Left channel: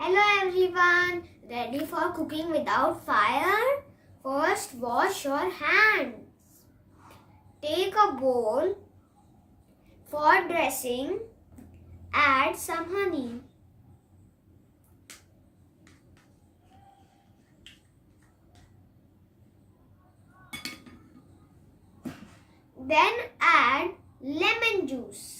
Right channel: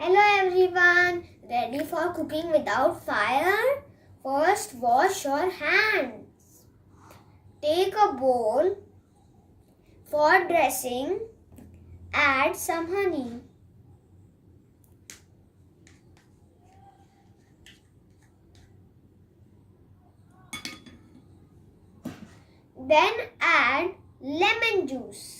Hello everyone, ready for cooking without fire? First wash your hands. Take a bowl. For dressing, add some honey. Then add lemon juice.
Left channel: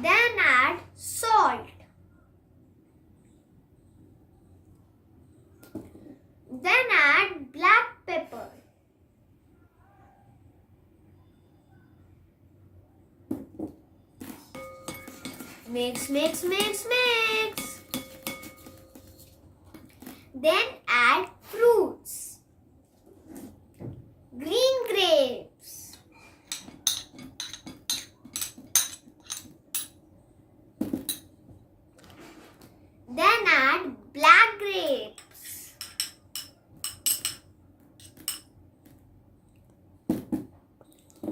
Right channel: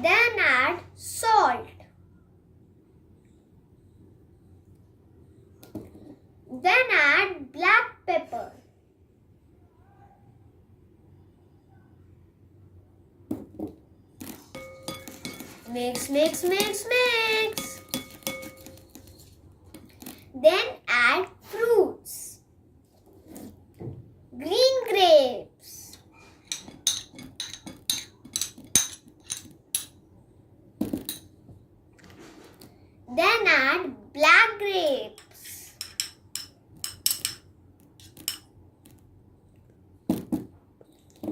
Then add salt. Then add black pepper. Mix. Then add fruits. Green grapes. Then add black grapes.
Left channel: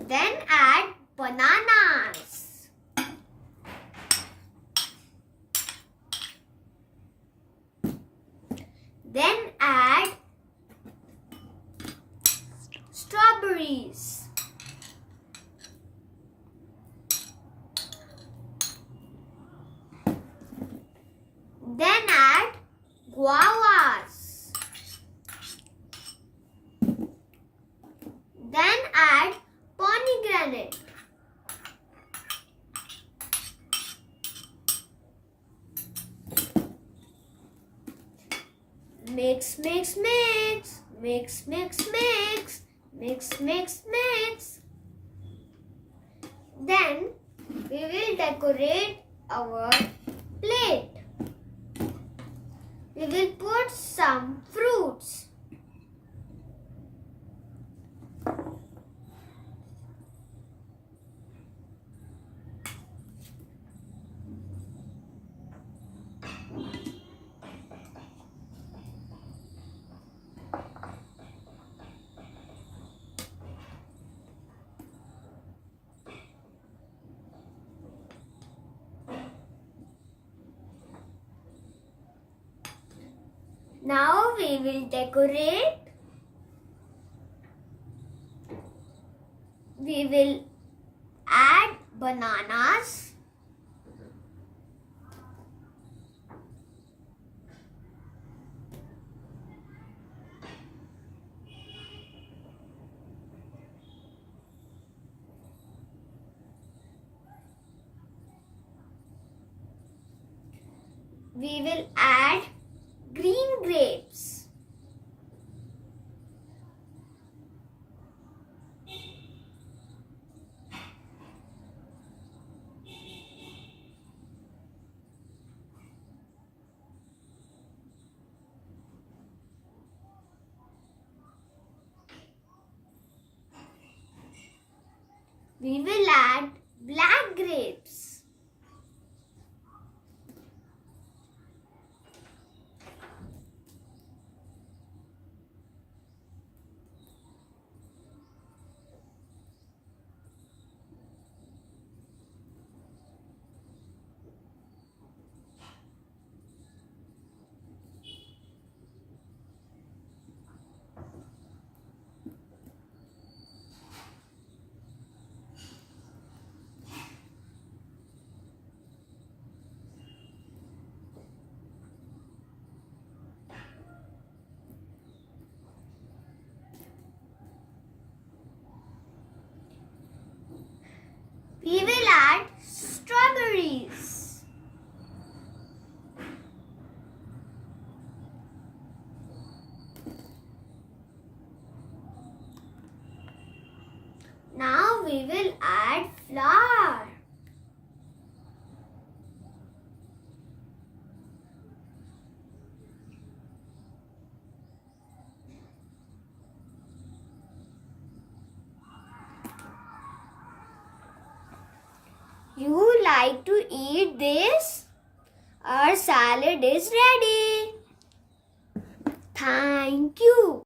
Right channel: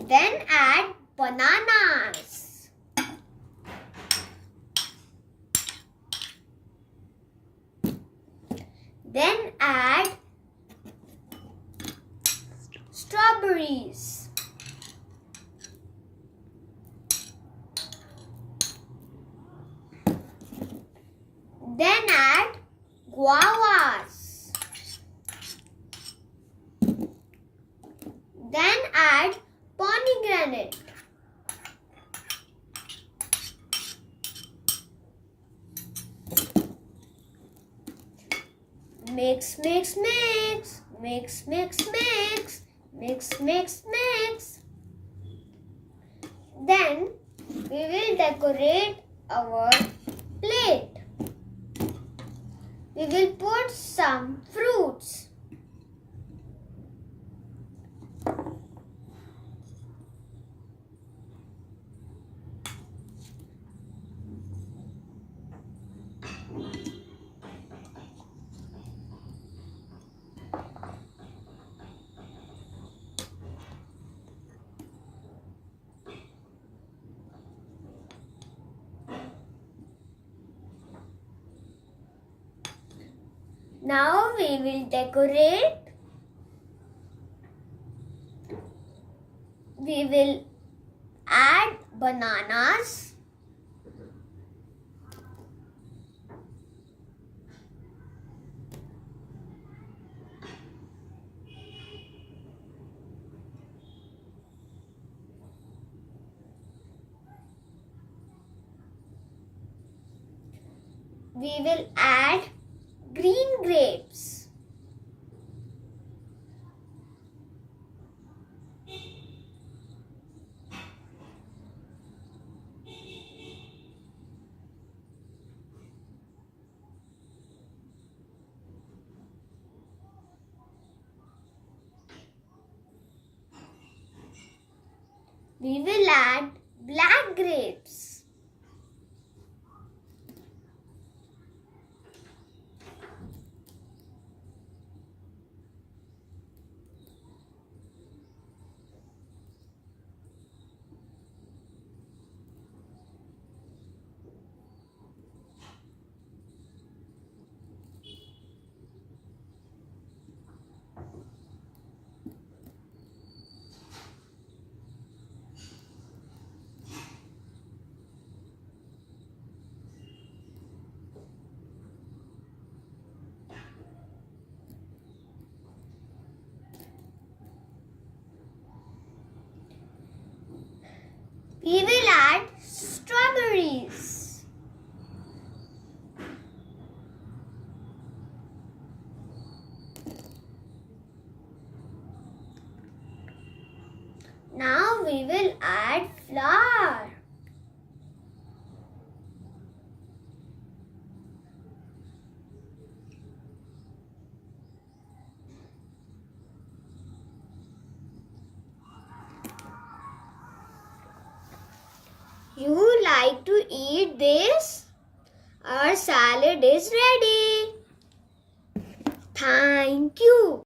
Then add bananas. Then add strawberries. Then add guavas. Then add pomegranate. Mix. Then we will decorate our plate. We will put some fruits. Now we will decorate. We will add bananas. We will add green grapes. We will add black grapes. We will add strawberries. Now we will add flour. You like to eat this? Our salad is ready. Thank you.